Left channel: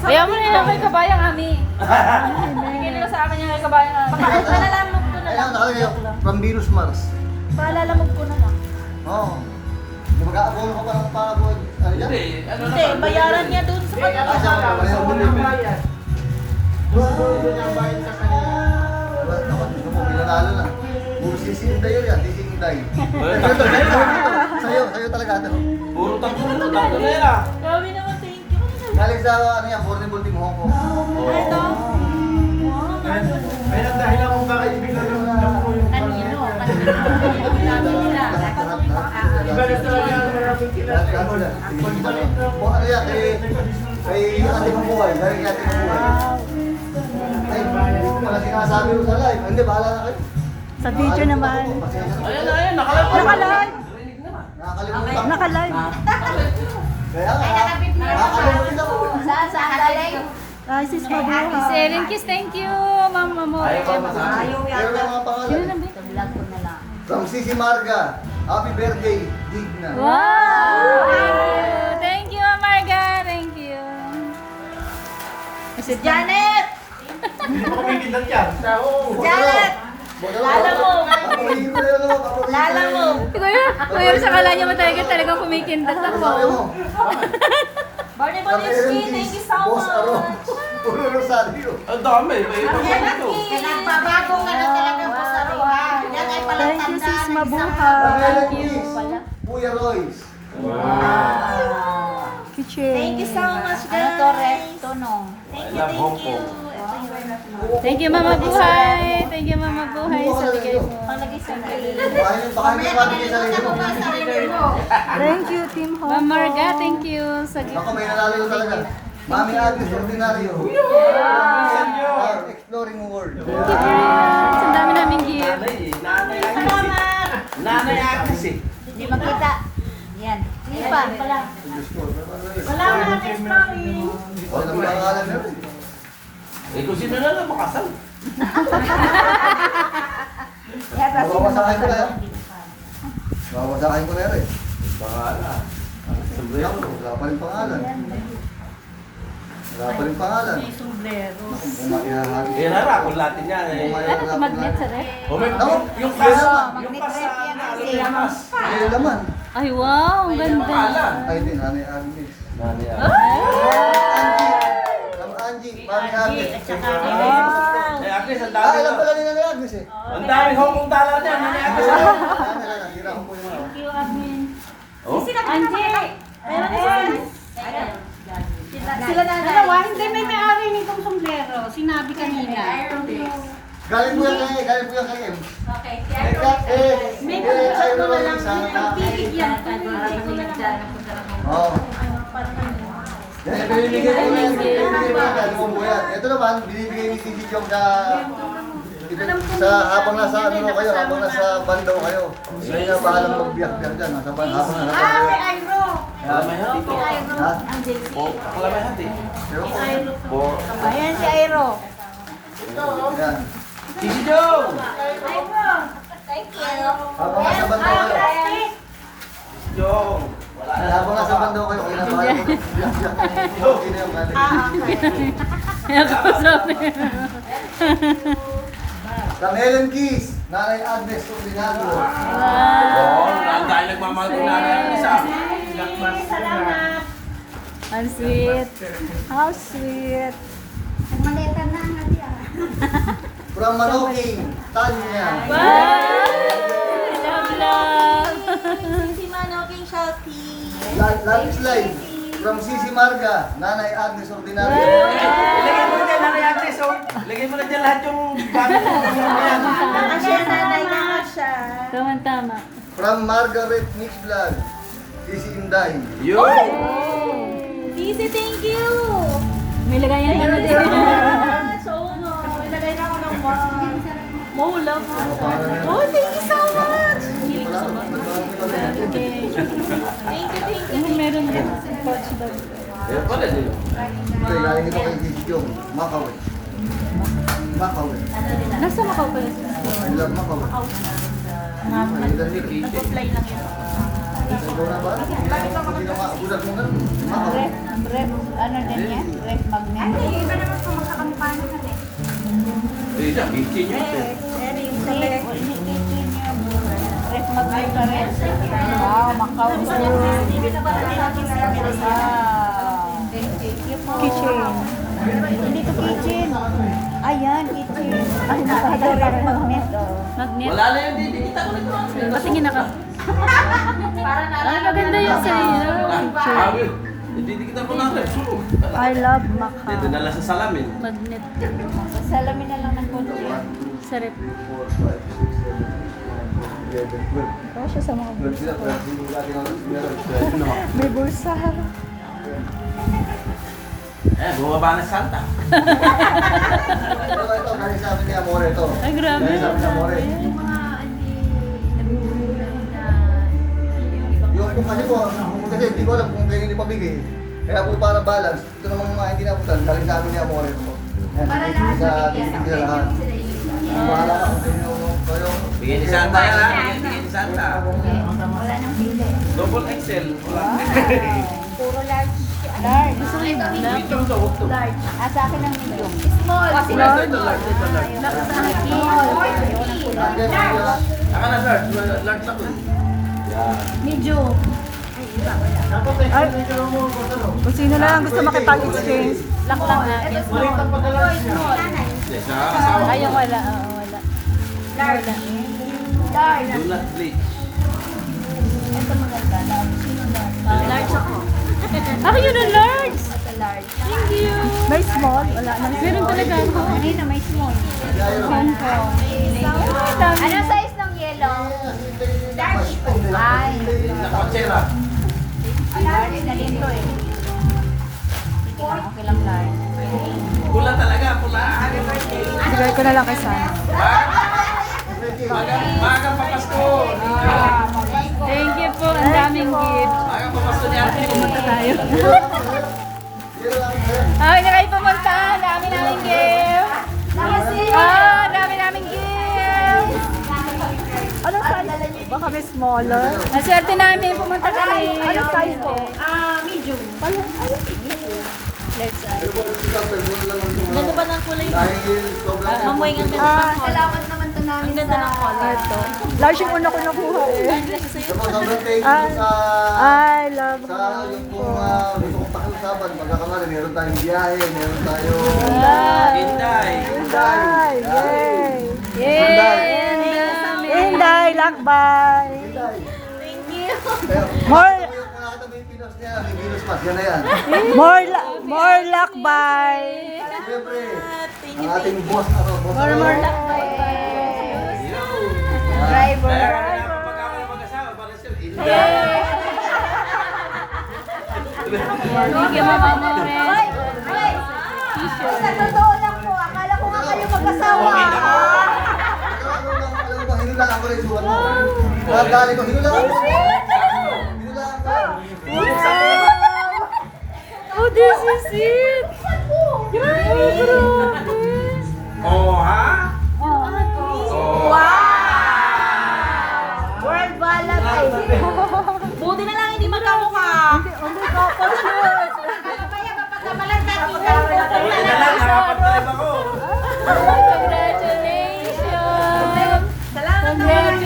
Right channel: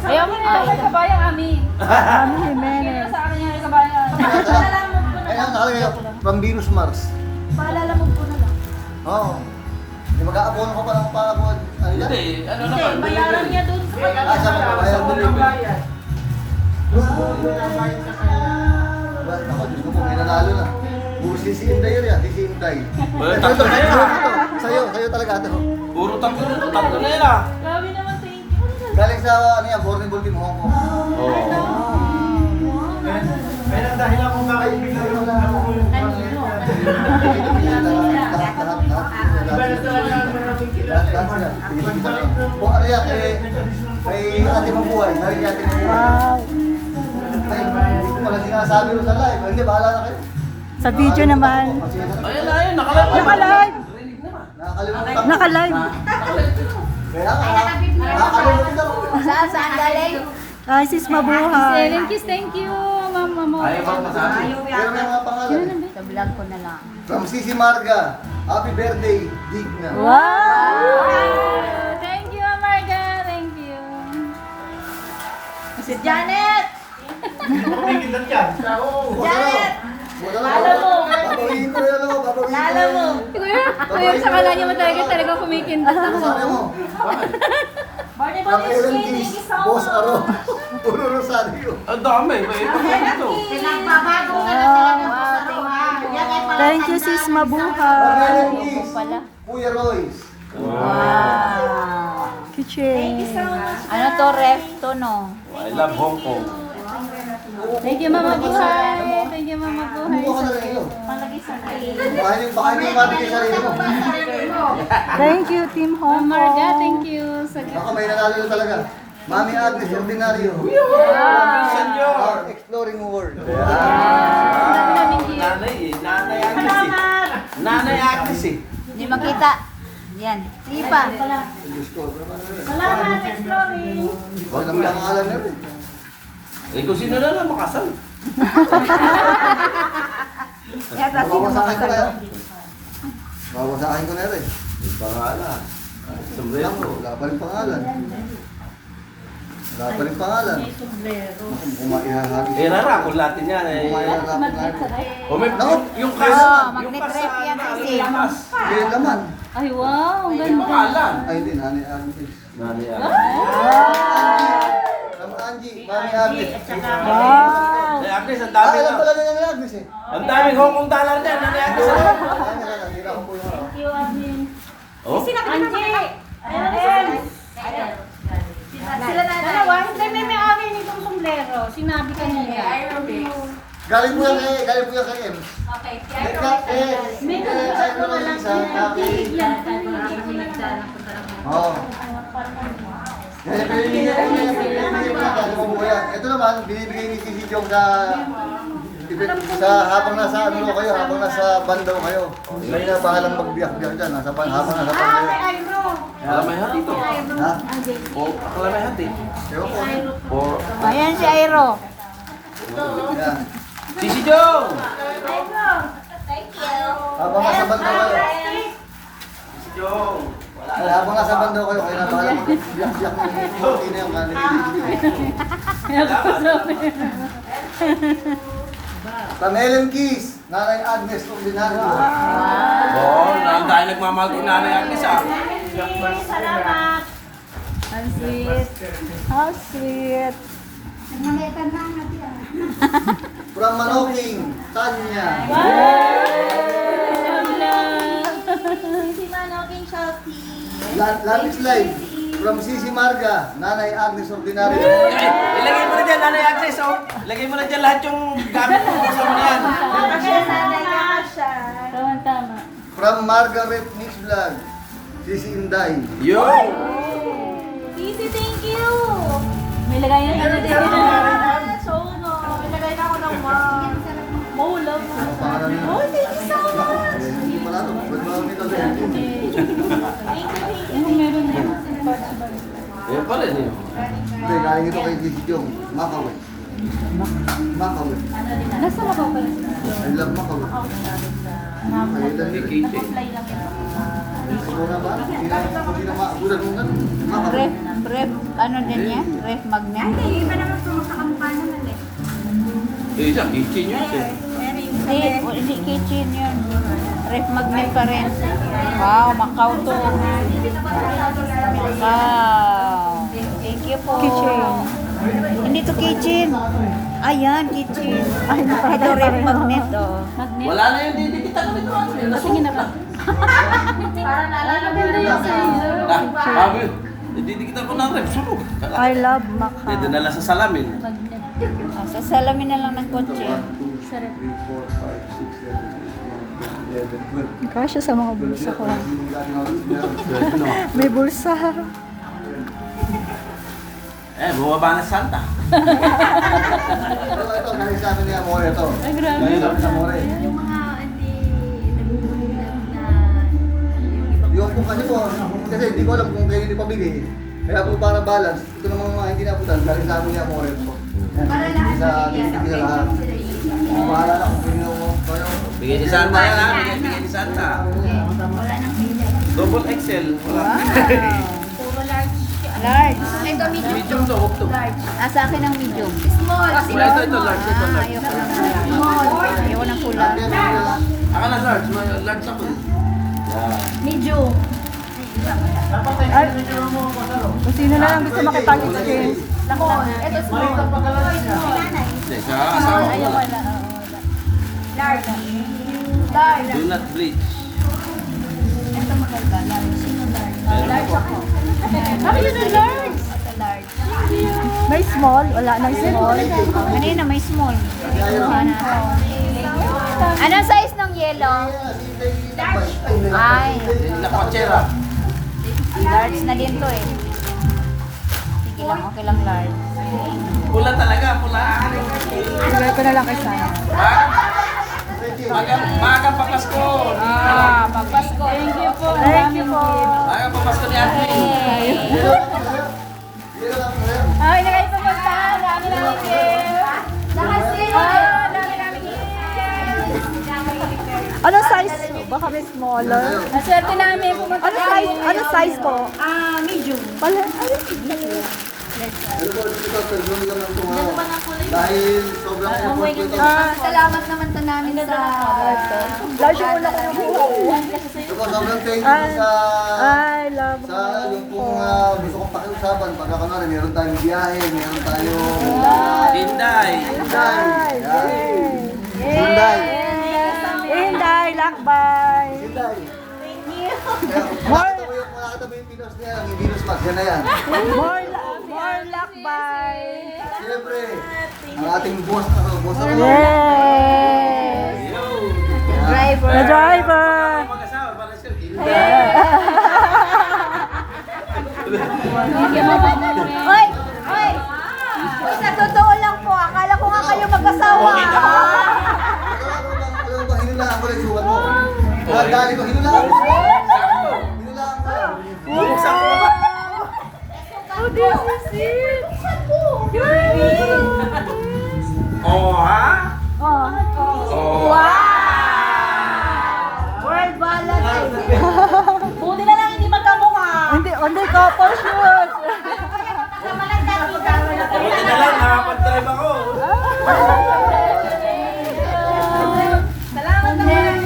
Ayaw mo nila kay kabayang Ami. Bigyan nila sa amin yung kay kabayang Ami. Palalamog ko na Ayun, lang. nakalagay yun. From Venus Mars. Palalamog ko na lang. Oo. Yung mag-aapono ka pa ng pagod. Ano yan? Hindi, bayaran niya dun sa Ah, siya magbabayad din yun. Ako, Diyos ko po, pinanalo na. Puro si Inday yun yan, di si Inday. Sa'yo talaga ito. Puro tatlo na yan ah. Grabe naman, thank you. Galing sa ano yan, Bornable Team Hong Kong. Kaya ang dahilan kung kakaibigan lang po yung iba na talaga ang maraming kilala. Ano yan, kay Ate Mabuhay. Kay Ate Mabuhay. Wala sinasabi ko sa live. Hindi, bahala na kayo. Sa video naman. Ayun, Naka-live. Nakakalimutan. Naka-live. Kaya nakakalimutan ako. Saan galing? Ay, sis mabuhay. Ellen Kiss, thank you, mama mo. Ayaw ba masabi? Pero may mga pangalan. Sa vlog ko na lang. From Sisi Marga. Happy birthday, Digna. Wow! Thank you, Marga. Thank you. Si Janet! Hindi ko kumikilan yan. Janet! Lala mo. Papagihin ko na yun, papagihin ko na Lala mo. yun. Kuya, sa kala niya talaga kumikinta Ano sabi mo? Barney From Ellen Keys, Boss Aro. Puro Rosario. Ang dami. May iba dito. Nagbabago ka na talaga po sa Roha. Yan ay pala Thank you, sis From mabuhay. Ellen Keys, Kuya Royce. Kitchen. Thank you so much, guys. Ano to, ref to, no? I love Hong Kong. Thank you, Mama Buhay. Thank you, Mama Buhay. Mukha ka na rin mo. Palagay sa Baka yung pabigay sa sarili mo. Thank you, Team Ma'am Hong Marga, Kong. thank you. Sa Baka may nanalo talaga. Mami Agnes, Ordinario. Our Exploring World. Ang dami namin gear. Nanay Agnes eh. Nanay Agnes eh. Hindi makita. Yan. Lipa. Diyos ko. Salamat, exploring. Wala naman pangalan na rin. Eh kung sino na lang makasal. Mawawasakin ko na yan. Mawawasakin ko na rin. Pangalan. Lang, wala pa rin pangalan. Wala pa rin pangalan. Naku, bumaihahagi. Eh nara, kung latin yan eh. Magnet sa ref. O may, Naku. yung kasa, yung Magnet kasa, ref yan kasi. lamas. Yung laman. Ay, wow. Ang May ganda. pangalan. Ay, din, Nanay Agnes. Nanay Agnes. From Angie, Mami Agnes. Wow. Eh Agnes, ang Ah, dami ilan na. pala ni Nanay Agnes eh? Ang daming Hong Kong dollar dyan, Nanay Agnes. Tira ko po yung ano. Thank you, admin. Oh. Angie! Sila na Dalawa, hindi may may-ari nitong sombrero. Sinabi kanina. Galing po yan kay M. Okay. Sa'yo na lang isa. Oo. Dahil binibigay ko na yan. Ito naman, binibigay ni Sisi Jong sa habang nasa ano kayo, habang nasa banda kayo. Kayo na bahalang magbiyak-biyak dyan. Habang nasa banda kayo. Kalamay hati. Ha? Kalamay hati. For Ayan si Airo. Yan. Sisi Jong! Habang nasa banda kayo. Sisi Jong! Habang nasa banda kayo, kayo na bahalang magbiyak-biyak. Okay na yung From Ellen Keys, Nanay Agnes Ordinario. Oh, dahil nagmamahal ko Nanay Agnes ah. Salamat. Ang sweet. How sweet. From Manoking, Tanya. Si Manoking Shopee. Love is life. From Sisi Marga, Nanay Agnes Ordinario. Ilagay mo na dyan, Nanay Agnes oh. Ilagay mo na dyan lahat yung gamit mo sa yan. Tama-tama. From Margaret Mix Vlog, Sisi Inday. Yo! Sisi, thank you! May lagayan ka na din. So, no. Nilagay na ako ng maulo. Ano pangalan nila? Oh, thank you so much. Hindi pala ito. Ba't marami ito? Anong meron din? Yan pala niyo. Ito, galing ito kay Sisi Jong. Makawin. Makawin. Nasa makaw pala. I love Makawin. Ay, ilan nila. Ikaw na ba? Hindi na makagulat mo ganun. Ref, ano din yan? Ref magnet. Ay, iba naman po magkakamukha naman eh. Eh, siya, kitchen yun. Pero yung sa hindi kitchen yun. Ref magnet pa rin. Wow, Macau to. Thank you po. Kitchen. Hindi to kitchen. Ayan, kitchen. Ay, Ito nakakatawa ref rin. magnet. Oh. Wala na yung didikita ko nito. Patingin ako. Maganda yung sa'yo. Sabi, didikitan ko ng rep. Sulog. I love Macau. Dito dala sa salamin. Magnet. Sa salamin na lang ng kotse. Sa rep. 11, 12. Kasya sa mga 12 bulsa sila, ko. 12 yung dati natin. May bulsa. Eh, bumaba na Santa. Ito, galing sa atin ni Amore ito. Ay, grabe. Galing sa atin ni Amore. Yung mga anti... Yung po kasi po, kasi hindi ko alam kung kayo hindi pabigay. Kaya po para balance, ito namang mga hindi naputan, galing sa atin ni Amore ito po. Yan, Para bibigay lahat sa mabigyan. bibigay sa lahat. Bahala na kung kanino mo kayo. Bigay ni Santa yan ha. Bigay ni Santa. Wala nang pili. Double XL. Wala. Puro large. Large. Gusto mo ito, medium? Medium to, huwag to. Large. Sa akin ang medium. Small. Ito, ito, large. Ito, large. Ayaw ng kulay. Ate, bibigay. Aka na large. Large ako. Yan. Medium. Ay, kung sino na lang gusto makipag-exchange. Ito small. Nanay. Hindi, sa asawa ko. Ayaw, wala. Wala. Large. Large. Do not bleach. Ito maganda. Large. Sino large? Large ako. Ako yun ang large. Ito large. May small, wala nang small. Kanina may small. Anong size ng yellow? Large. Ay. Napatsera. Large na din to eh. Okay lang large. Pula talaga, pula. Bigay ko na lang kay Sana. Maagang papasko. Thank you po. Ang Thank you daming po. gift. Maagang papasko ni Ate. Ay, na kayo pumunta. Ang dami namin gift. Ah, dami namin gift. Anong size? Baka may smaller. Naswerte namin pumunta Anong size ko? Medium. Pala, ay. Dahil sobrang Salamat naman to namin sa... Ito. Large yung una ko nakuha eh. sobrang thank you sa I love sa yung kung gusto kong pakiusapan pagkakamali, meron tayong biyahe, meron tayong Hinday. Inday. Yay. Hyundai. Inday, lakbay. Hyundai. More, Yung mga katabi yung Pinos niya, yung Venus Pass, yan na yan. more lakbay. Siyempre, ang ating boss, boss Yay. Driver. The driver. Mag-asawa, para siya. Thank you, Mama More. Hoy! Hoy! Sa totoo lang po, akala ko nga kayo mag-asawa. Alam mo ba, hinulaan ko na yung sukat mo. Nagaling ko, hinulaan ko. Hinulaan ko. Oh, this is it. Oh, ha? Oh. Oh. World balag ay. Buti na lang hindi magkamukha. Hindi ko po shoot. Kaya kapag kamalang kakita. Buti na lang, nakapag-drive ako. Congratulations. Salamat naman.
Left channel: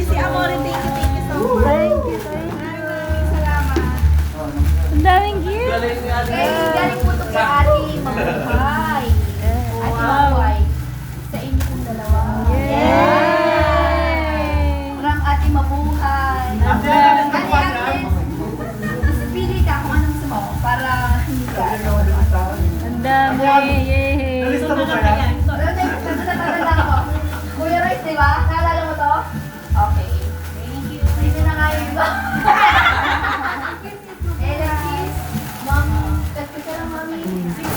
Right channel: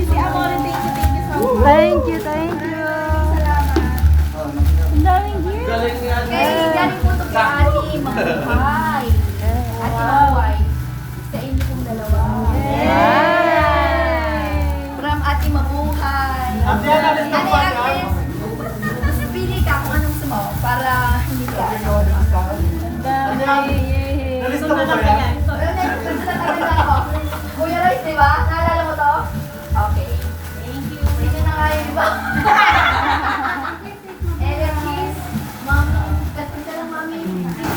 Si Amore, thank you so much. Thank you, thank you. Ang daming gift. Galing ni Ate. Galing po ito kay Ate Mabuhay. At Mabuhay. Sa inyo pong dalawa. From Ate Mabuhay. Ate Agnes. Kasi pili ka kung anong gusto mo para hindi ka lolo. Ang dami. Yay. Nalista mo ba yan? Kuya Royce, di ba? Naalala mo to? Okay. Thank you. Thank you na nga yun, di ba? Alexis, Ma'am, katpit ka lang, Mami.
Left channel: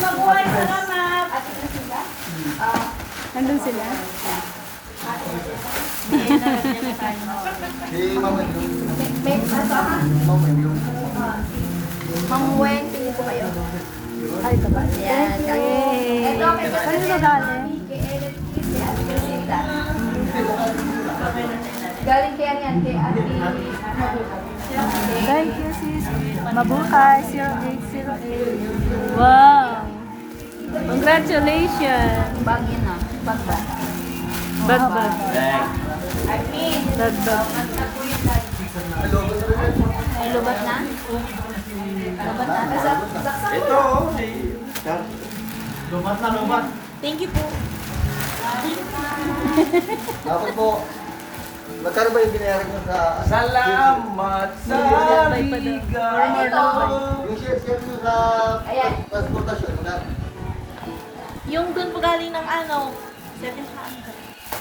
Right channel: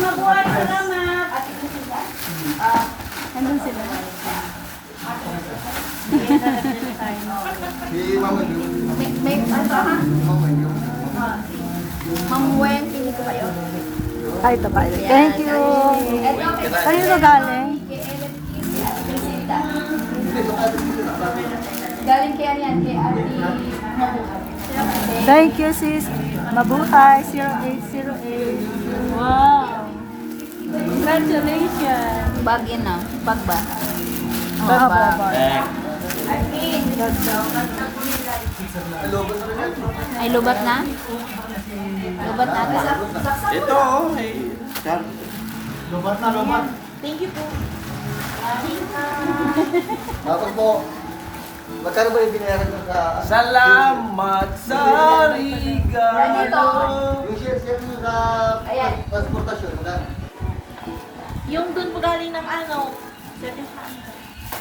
Mabuhay, salamat. Ate Priscilla? Nandun sila. Si Mama, May, ano ha? Ma'am Weng, pili ko kayo. Ay, ito ba? Thank you. Ito, kay Kanino ba galing? Kay Alexis, si Ate Priscilla. Galing kay ano yan, kay Ate Mabuhay. Thank you, sis. Mabuhay, 0808. Wow. Congratulations. Bag yun na. Bag ba? Bag. Ay, lubat na? Lubat na. Ito, oh. Sir. Lumat na, lumat. Thank you po. Tapos po, magkano ba yung binayaran nyo sa... Salamat sa regalo. Yung share nyo sa transportasyon, magkano? Yung doon po galing ng ano,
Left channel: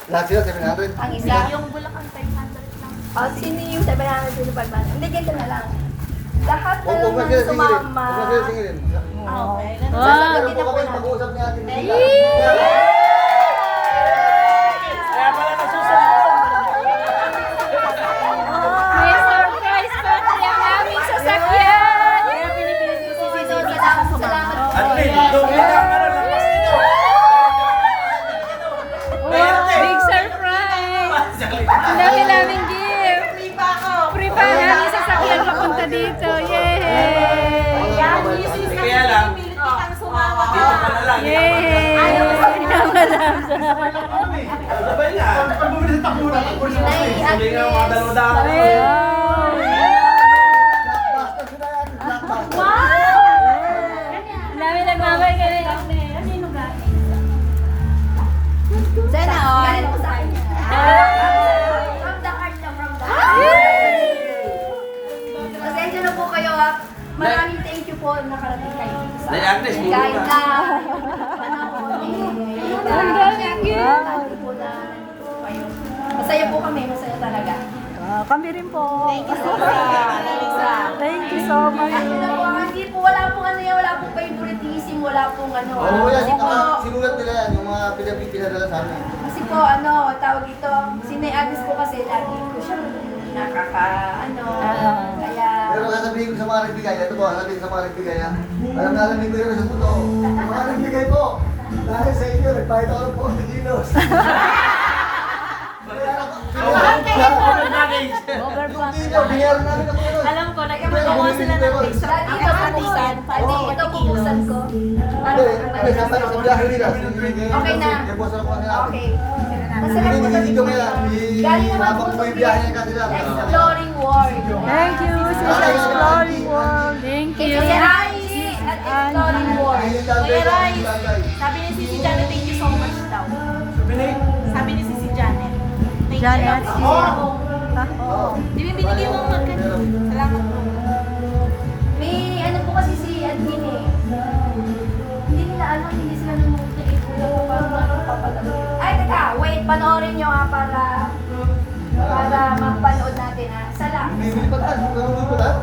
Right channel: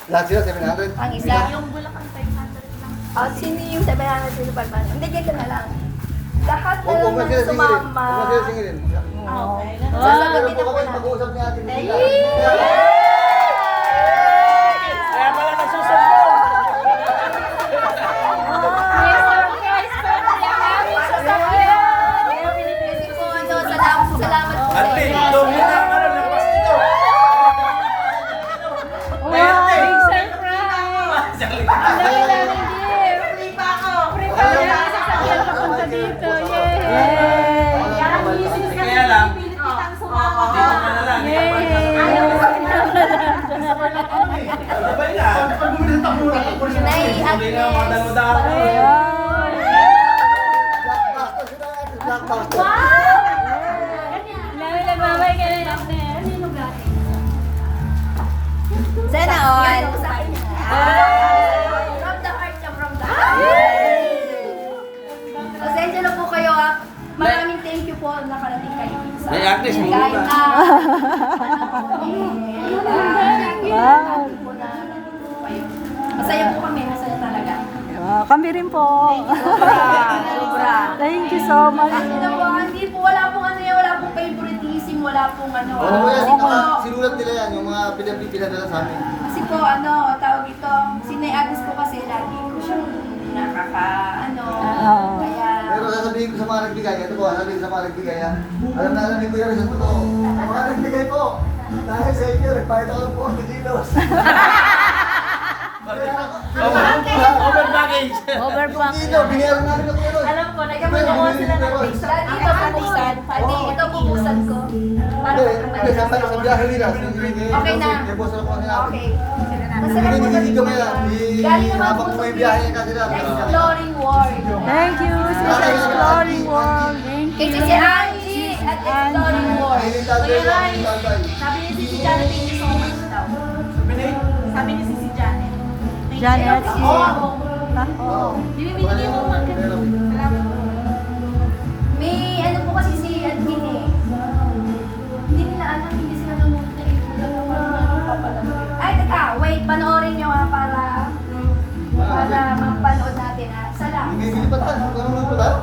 Lahat sila, 700. Ang isa. yung Bulacan 500. Oh, sino yung 700 sino pagmana? Hindi, dito na lang. Lahat na Huwag na sila singilin. sumama. Huwag na sila singilin. Meron po kami mag-uusap ni Ate Mika. Surprise pa rin namin sa sakyan! Kaya Pilipinas ko So, salamat. Ate, doon kita ang ano, labas dito. Big surprise! Ang dami naming gift! Free pa ako! Free pa namin sa sakyan papunta dito! Yay! Kaya lang, dito ka na lang. Yay! Sabay na. Pag bumili sa takura, Sabay na mga dalawa-dalawa. Wow. Blockbuster sila yan. Blockbuster. Ang dami nagmamay ka rin. Ano yung lugar? Sana all. From the heart ka, from the Pasensya na po kayo ah. Maraming thank you po nakarating kayo sa Nay Agnes, amin. muna Kahit ka. na panahon Ang daming gift. Dati po na nandito po kayo. Masaya po kami, masaya talaga. Kami rin po. Thank you so much. Kasi na po, hindi po, wala pong ano yan, wala pong favoritism, wala pong ano. Oo, yan. Kasi po, Sinulat nila yan, yung mga pinadala sa amin. kasi po, ano, tawag ito, si Nay Agnes po kasi lagi ko siyang kaya, Pero sasabihin ko sa mga nagbigay, ito po, sasabihin ko sa mga nagbigay ha. Alam na alam ko yan sa totoo. Sa mga nagbigay po, dahil sa inyo, nagpahit ako ng 40 kilos. Ito, binayaran namin ng kilos. Alam ko, Pero bumili ni Peron. dati ito bubuksan, dati ito bubuksan ko. Para Hindi, sa biyahe nila. Okay na. Okay. Masarap po Hindi ko kasi. may Galing naman po habang may biyahe niya kasi lang. Exploring World. Thank you, sis. Exploring World. Thank Kay you. si Angie at Exploring World. Ayun lang, Peron. sabi ni Sisi Janet, thank you so much daw. Sabi ni Sisi Janet. Thank you. Janet. Oo. Binibigyan mo mga ganun. Salamat po. May ano po kasi si admin eh. Hindi nila alam, hindi sila nanonood na ito. Ay, teka, wait, panoorin nyo ha para mapanood natin ha. Sala. Bumibili pa tayo. Ganun po tayo.